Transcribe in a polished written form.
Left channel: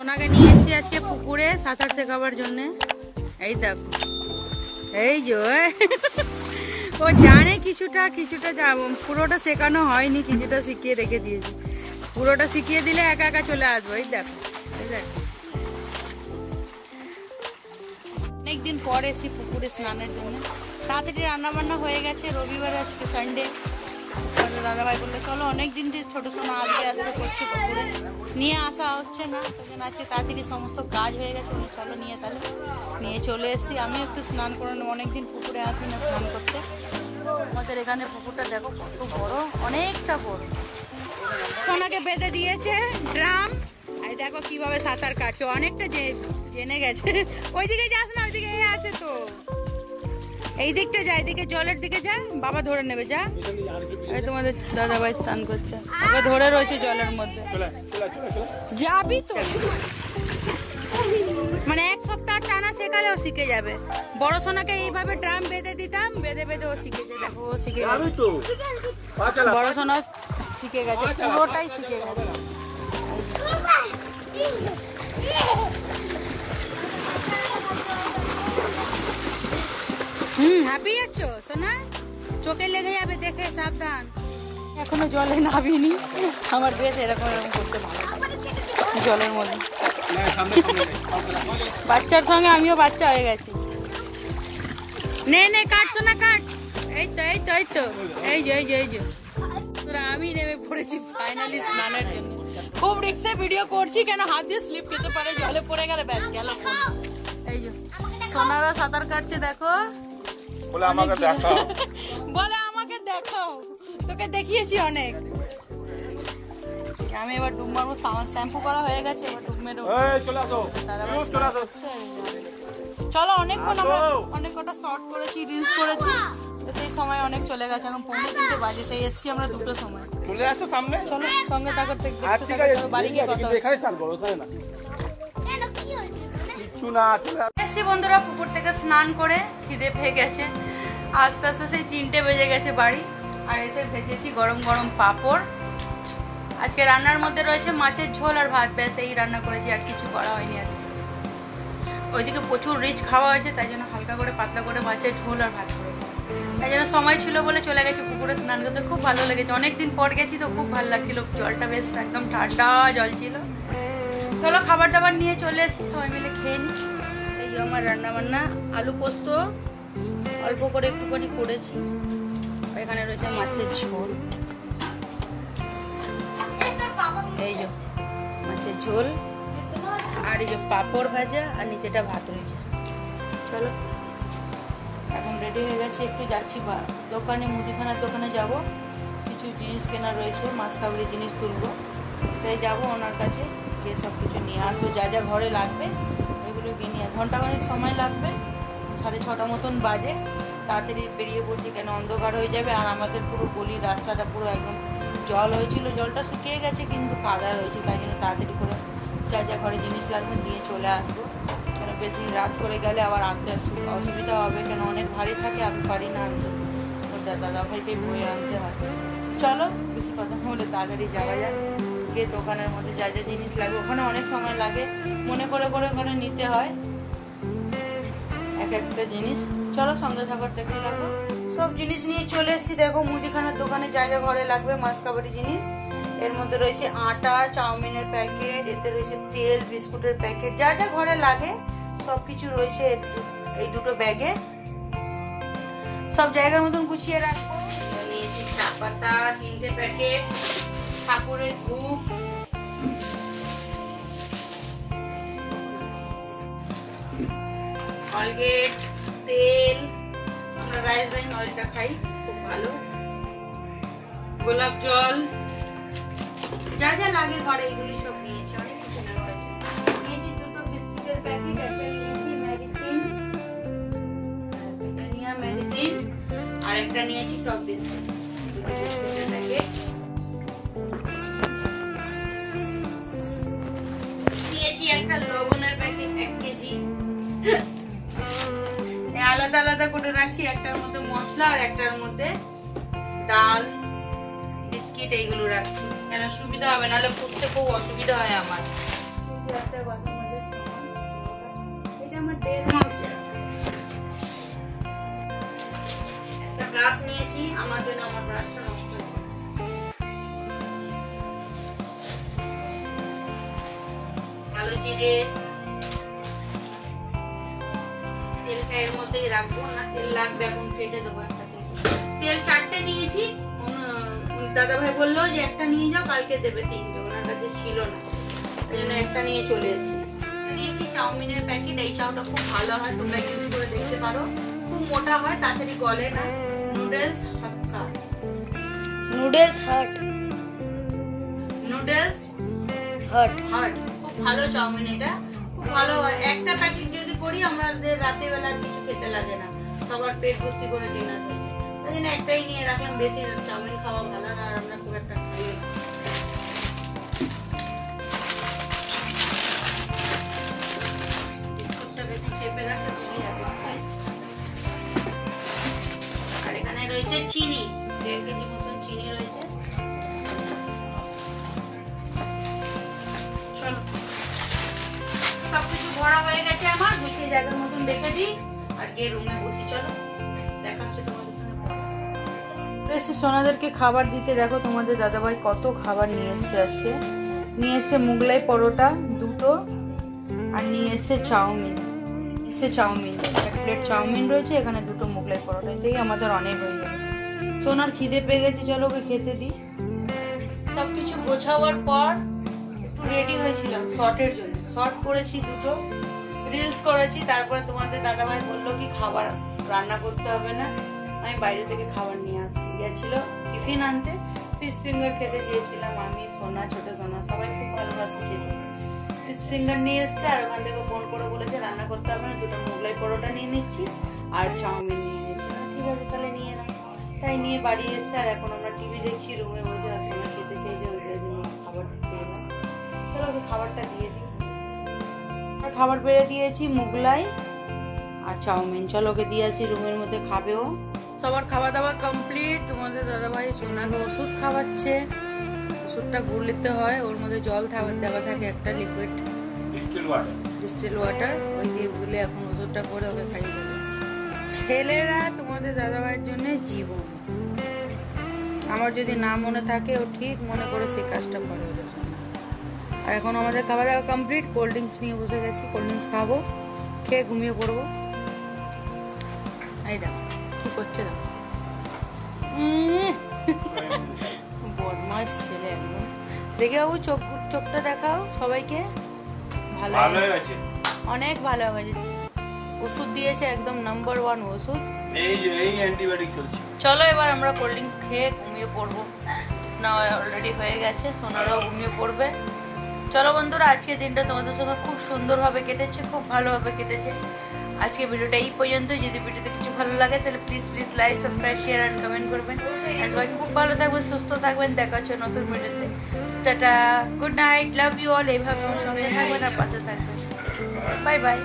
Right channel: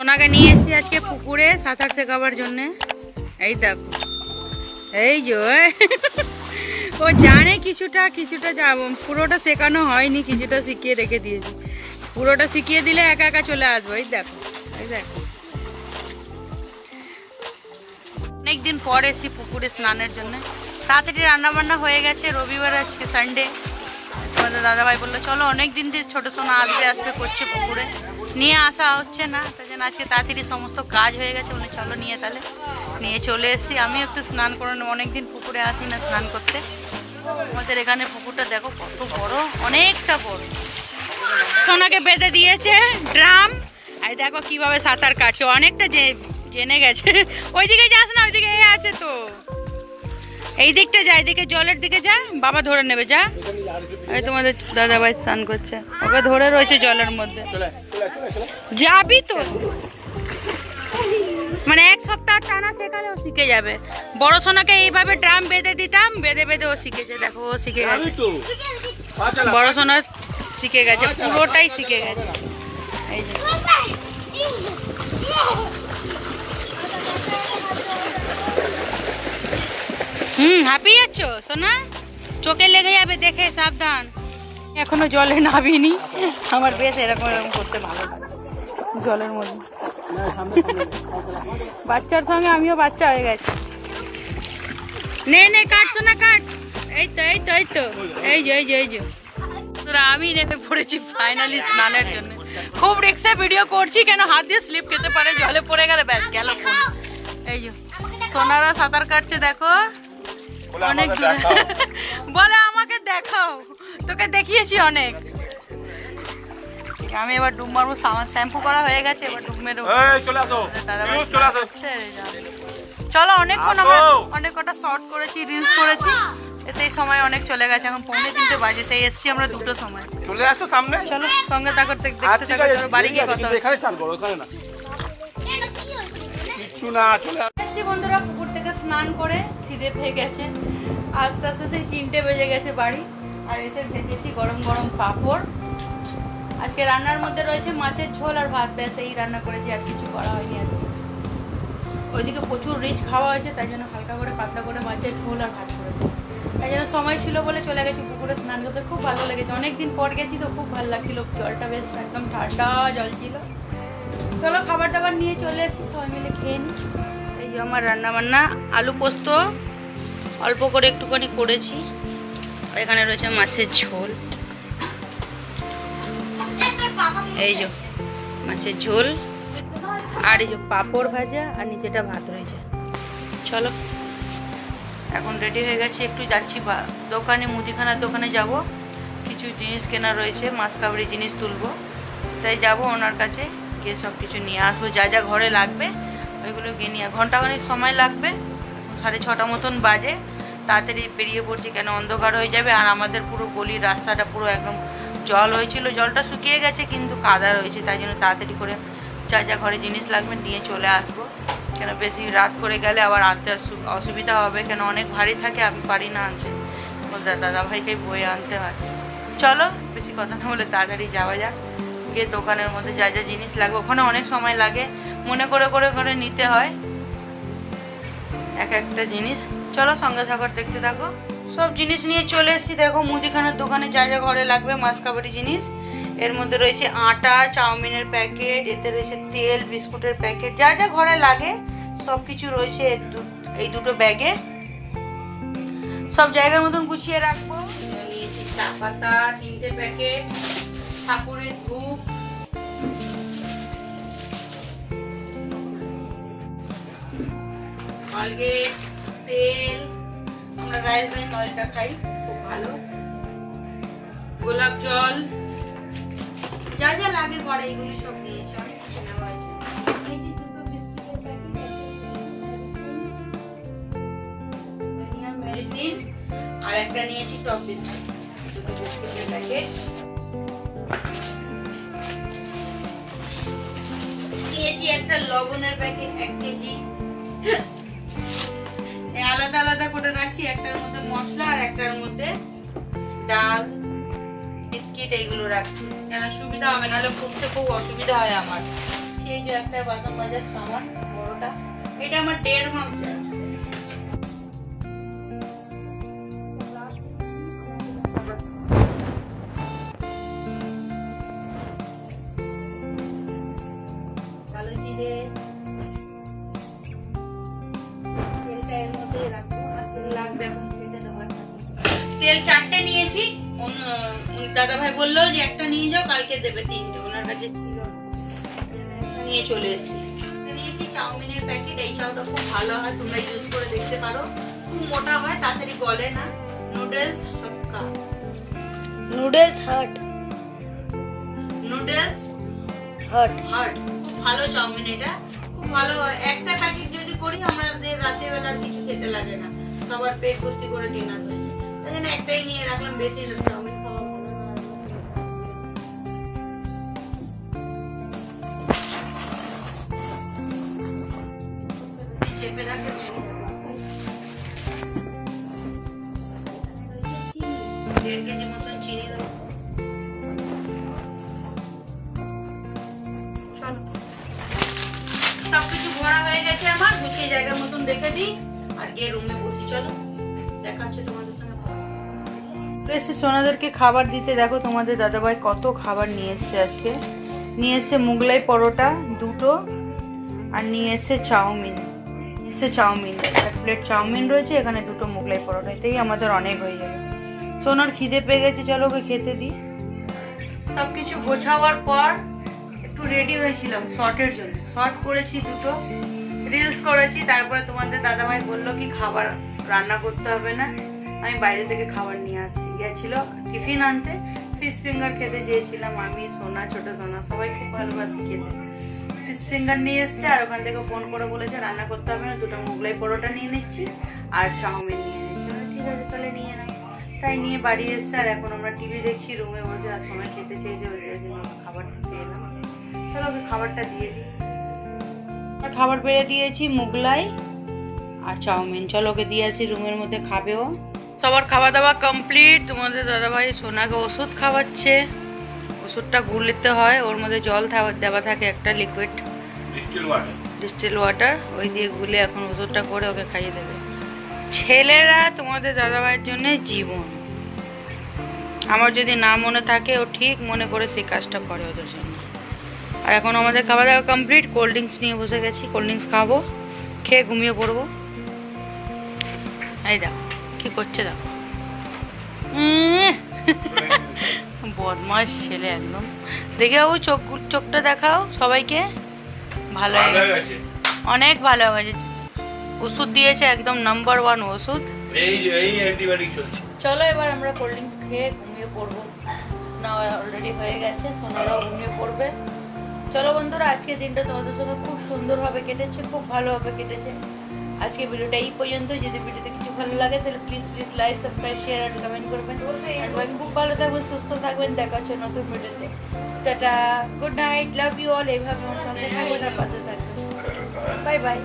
সোনাকে নিয়ে এসেছি আজকে পুকুরে সাঁতার শেখাবার জন্য। এই দেখো, এই যে ও জানে কিছুটা কিছুটা যাব, পুরোটা শেখানো হয়নি, কিছুটা শিখিয়ে রেখে দিয়েছি। পুরোটা শিখিয়ে দিলে একা একা চলে আসবো। এই দেখো, এই দেখো, অনেকদিন পর এসেছি পুকুরে স্নানের জন্য। তাড়াতাড়ি রান্না বান্না হয়ে গেছে, রবিবার আজকে সানডে। আমাদের দাদাভাই বললো চলো, অনেকদিন দিয়ে ছোটো সোনা আসবে আসবে করছে, পুকুরে নিয়ে আসা হচ্ছে না, তাই জন্য আজকে তাড়াতাড়ি সমস্ত কাজ হয়ে গেছে বলে চলো নিয়ে, তাহলে নিয়ে চলে এসেছি। আমি একটু স্নান করে নেবো, অনেকদিন পুকুরে আসি না স্নান করতে। আমাদের এখানে পুকুরটা দেখো কত বড়, অনেকটা বড়। সোনাকে বেঁধে দিয়েছে ড্রাম, আর দেখো কিভাবে সাঁতার কাটছে, অনেকটা জেনে গেছে। ওইদিকে যাস না, ওইদিকে আছে তো, এই দিকটা যা, এইদিকে জলের দিকে যা, বাবা ধরে নেবে, যা। এই তোমাদের দাদাভাই স্নান করছে, ওকে ধরে রয়েছে জলের মধ্যে। যাবি তো, মানে এক সপ্তাহ টানা শেখালে ও শিখে যাবে। বড় সোনাকে এইভাবে ড্রাম বেঁধে দিতাম, বেঁধে বেঁধে ও শিখেছে। দেখো ও শিখে গেছে, বড় সোনা শিখে গেছে, পুরোটাই শিখে গেছে। এই যে হাঁপিয়ে যাচ্ছ সোনা, চোখে লেগে যাবে, দেখে সাবধান। এখনো জলে নামিনি, আমার বেশ এরকম এরকম করতে ভালো লাগে জলের মধ্যে। বাচ্চার সঙ্গে আমিও বাচ্চা হয়ে গেছি। নে নে কাট সোনা কাট, এই তো এই তো এই তো, এই যে এই যে এই যে তোরা, আমি নেমে পড়েছি ফাইনালি স্নানের জন্য। খুব রিক্সে ভিডিও করছি, কেন হাত দিয়ে স্লিপ খেতে পারে, জলে পড়ে গেলে ব্যাস গেল ফোন। এই যে সোনারা সাঁতার কাটছে, দেখো অনেক বলে আমাকে দেখাও, তোকে দেখিয়েছি অনেক। আমি এবার ডুব মারবো, শ্যাম্পু করা হয়ে গেছে, এবার ডুব মেরো। চলো, অনেকক্ষণ আমরা অনেক কটা শর্ট করেছি, রিলস করেছি, এতেই সময় অনেক চলে গেছে। এখন 2:45 বাজে, সেই এসছি আমরা 2টোর সময়। চলে আসো সামনে, চলো সঙ্গে থাকো, দেখতে থাকো, বাড়ি গিয়ে কথা এখানে চান করো, ওখানে না কিছু না। চলে আসছি বন্ধুরা, পুকুর থেকে স্নান করে খিদে পেয়ে গেছে, আস্তে আস্তে সেই 3টে বেজে গেছে বাড়ি। আর এসে ভেজেছি গরম গরম পাঁপড়। আজকে রান্নার মধ্যে রয়েছে মাছের ঝোল আর ভাত, ব্যাস এই রান্না করেছি, আর কিছু করা হয়নি আজকে। ওইদিকে প্রচুর রিচ খাওয়া হয়েছে, তাই জন্য হালকা করে পাতলা করে মাছের ঝোল আর ভাত করেছি। তাই জন্য সময় ছিল বলে চলে গেছি পুকুরে স্নান করতে। খুব ভালো লেগেছে, অনেকদিন পর গেছি তো খুব ভালো লাগছিল, জলটা বেশ একদম ঠান্ডা জল ছিল। চলো খাবার দাবার নিয়ে চলে এসেছি, সবাই মিলে খেয়ে নিই। এই যে আমার রান্না বান্না, আলু পোস্ত অল্প করে একটুখানি করেছি, আর এখানে রয়েছে মাছের ঝোল। এই যে মাছের ঝোল, আর এই যে পাঁপড় ভাজা, আর নিচেটা ভাত রয়েছে। চলো এখন রেডি হয়ে গেছি, একটু যাচ্ছি দোকানে, মুদিখানার দোকানে যাব, কিছু জিনিস কেনা রয়েছে, মাছ কাবড়ি জিনিস তুলবো, তাই যাব ওনার কাছে, গিয়ে সব কিছু নিয়ে আসবো, যা যা ঘরে লাগবে ওইগুলো গিয়ে নিয়ে। ঘন্টাখানেক সময় লাগবে, 6:30 মতন বাজে। তাড়াতাড়ি বেরিয়ে পড়ছি, কেন অন্ধকার হয়ে যাবে। আর আমাদের পুরো গলির রাস্তাটা পুরো একদম জল হয়েছিল, জলটা শুকিয়ে গেছে কিন্তু কাদা রয়েছে, তাই জন্য তাড়াতাড়ি করে যা যা ঘরে জিনিস লাগবে নিয়ে চলে আসবো, কেন বেশি রাত করে গেলে আবার আনতে অসুবিধা হবে, কেন অনেক ভারী থাকে, আমি পারি না আনতে, দাদা ভাইকে বয়ে আনতে হয়। চলো বেশি কথা না বলে তাড়াতাড়ি যাওয়া যাক, গিয়ে দোকানের মধ্যে যা যা জিনিস লাগবে, ওখানে অনেক সময় লাগে, মনে করে করে করে নিতে হয় এক একটা জিনিস। চলো সঙ্গে থাকো, দেখতে থাকো। সব জিনিস নিয়ে চলে এসেছি, দেখো মুদিখানার দোকানে যা যা ঘরে লাগবে মাছ কাবাডি জিনিস। এর মধ্যে রয়েছে আটা, চাউমিনের প্যাকেট, এতে রয়েছে তেল, বিস্কুটের প্যাকেট, যা যা ঘরে লাগে সব কিছু রয়েছে এই দুটো ব্যাগে, সব জায়গার মতন গুছিয়ে রাখবো। নিয়েছি চা পাতা 3টে প্যাকেট, ঠাকুরের ধূপ, কলগেট, তেল, আমরা রাইস ব্রাইন অয়েলটা খাই, খুব ভালো, গোলাপ জল, যা যা লাগে ঘরে এইগুলি সব নিয়েছি, অনেক কিছু নেওয়া হয়েছে। নিয়েছি 2টো বিস্কুটের প্যাকেট, মেডিসিন, আর একটা নিয়েছি টপ বিস্কুট, 2টো বিস্কুটের প্যাকেট নিয়েছি, একটা লবণের প্যাকেট 1 কেজি। আলাদা আলাদা করে রাখছি, একটার মধ্যে মশলা আর একটার মধ্যে ডাল, বিস্কিট, এইগুলো রাখছি, কেন সুবিধা হবে, নাহলে খুঁজতে খুব অসুবিধা হয় আমার। এই কিছু একটা বাসন মাজার সামান বড়টা, এটা আমার 1.5 মাসের। একটা ব্রাশ নিয়েছি আমার জন্য, আমার ব্রাশটা কালো জিরে তেলটা এর মধ্যে রাখবো না, তেল লাগবে এখন কেটে দেবো। তেল 4টে নিয়েছি, দাদা ভাই বললো যে একটা নিয়ে যাও, কালকে দেবে 3টে, ওনার কাছে ছিল না, ওই জন্য একটা নিয়ে চলে এসেছি। নিয়েছি চাউমিনের প্যাকেট, এই চাউটা খুব ভালো হয়, তোমরা ইউজ করে দেখতে পারো, খুব মোটা হয়, তাড়াতাড়ি গলে না। নুডলস হাক্কা, নুডলস হাট, নুডলস হাট হাট, খুব ভালো চাউমিন, এটা খুব ভালো হয়। একটা প্যাকেট যদি করি আমাদের রাতের বেলা কিছু খেতে লাগে না, সবার পেট ভর্তি করে ডিনার হয়ে যায়, তাই জন্য একটাই নিয়ে রাখলাম। বেশি চাউমিন খাওয়া ভালো না, আর আমরা খুব একটা খাই না। বিস্কুটটা বেশি চেপে রাখলে বেশি হবে। আর এখানে রয়েছে চিনি, 1.5 কেজি মতন চিনি রয়েছে। চলো, সবকিছু ভরা হয়ে গেছে আমার, গুছিয়ে জায়গার মতন রেখে দিই আর গিয়ে রুমে বসি। চলো দেখা হচ্ছে তোমাদের সঙ্গে। সোনাদেরকে খাবার দিতে দেখো তোমাদের দাদাভাই কত খাবার নিয়ে এসছে আজকে। নিয়ে এসছে মুগলাই পরোটা 2টো, আর নিয়ে এসছে চাউমিন, 1 প্লেট চাউমিন রয়েছে, এখানে 2টো মুগলাই পরোটা, এতেই আমাদের অনেক হয়ে যাবে। সোনার খিদে পেয়ে গেছে, চলো ওকে খেতে দিই। সবকিছু গোছাবার পর একটু রেডি হয়েছিলাম শর্টের জন্য, শর্ট করেছি 2টো, রিলস করেছি। তারপরে তোমাদের দাদাভাই বললো কি খাবার রান্না করতে হবে না, আমি বাইরে থেকে খাবার নিয়ে আসছি। গেছিল টিফিন আনতে, ফিশ ফিঙ্গার খেতে চেয়েছিলাম আমি, সোনা, ছোট সোনা, সবাই খুব ভালোবাসি খেতে। ফিশ ফিঙ্গার নিয়ে এসছে, আর ওখান থেকে ফোন করে বলেছে রান্না করতে হবে না, 2টো মুগলাই পরোটা নিয়ে নিচ্ছি আর চাউমিন নিয়ে নিচ্ছি। ঠিক আছে তাহলে নিয়ে নাও, তাই নিয়ে বাড়ি এসছে। আর এখন আমরা টিভি দেখছি রুমে বসে, আর সোনা খেতে চেয়েছে, ওই জন্য খাবার দিতে এলাম। চলো ওকে খাবারটা দিয়ে দিই। খাবার বেড়ে দিয়েছি, মুগলাই আর চাউমিন, চলো ওকে দিয়ে আছি রুমের মধ্যে, খাবেও। সবার খাওয়া দাওয়া কমপ্লিট। তোমাদের দাদাভাই সোনাকে ওষুধ খাওয়াচ্ছে, ওষুধটা গুলতে হয়, ওর মধ্যে জল দেওয়া থাকে একটা লিকুইড ডিস্টিল ওয়াটার, ওই দিয়ে গুলে এখন ওষুধটা করে ওকে খাইয়ে দেবে। ছেলেরা তোমাদের দাদাভাইয়ের জন্য জীবন, আমার যদি না মনে থাকে ও ঠিক মনে করে সেই কাজটা করে ওদের জন্য। আর এখন আমাদের খাওয়া দাওয়া কমপ্লিট, কোল্ড ড্রিঙ্কস নিয়ে বসে গেছি, কোল্ড ড্রিঙ্কস খাবো, খেয়ে ঘুমিয়ে পড়বো। এই দেখো কি করছে, দেখো বদমাস ছেলে একদম। দেখে বাবু চোখটা দেখাও সবাইকে, ভালো হয়ে গেছে, অনেক ভালো হয়ে গেছে। ওষুধ দিয়েছে একদম নাম্বার 1 ওষুধ। চলো এবার আমরা কোল্ড ড্রিঙ্কস খেয়ে ঘুমিয়ে পড়বো, না অলরেডি হয়ে গেছে, সোনারাও ঘুমিয়ে পড়বে। চলো বন্ধুরা, আজকের দিনটা তোমাদের সঙ্গে খুব সুন্দরভাবে কেটেছে, খুব ভালোভাবে কেটেছে। আজকে ভিডিওটা এই পর্যন্ত। যদি ভিডিওতে কিছু ভালো লাগে তাহলে প্লিজ লাইক, সাবস্ক্রাইব, শেয়ার আর কমেন্ট করবেন। আর সবাই খুব ভালো থাকবেন, সুস্থ থাকবেন, দেখা হচ্ছে নতুন ভিডিওতে। Tata, good night, love you all. এইভাবে আমার সঙ্গে থাকবেন আর পাশে থাকবেন। Bye by.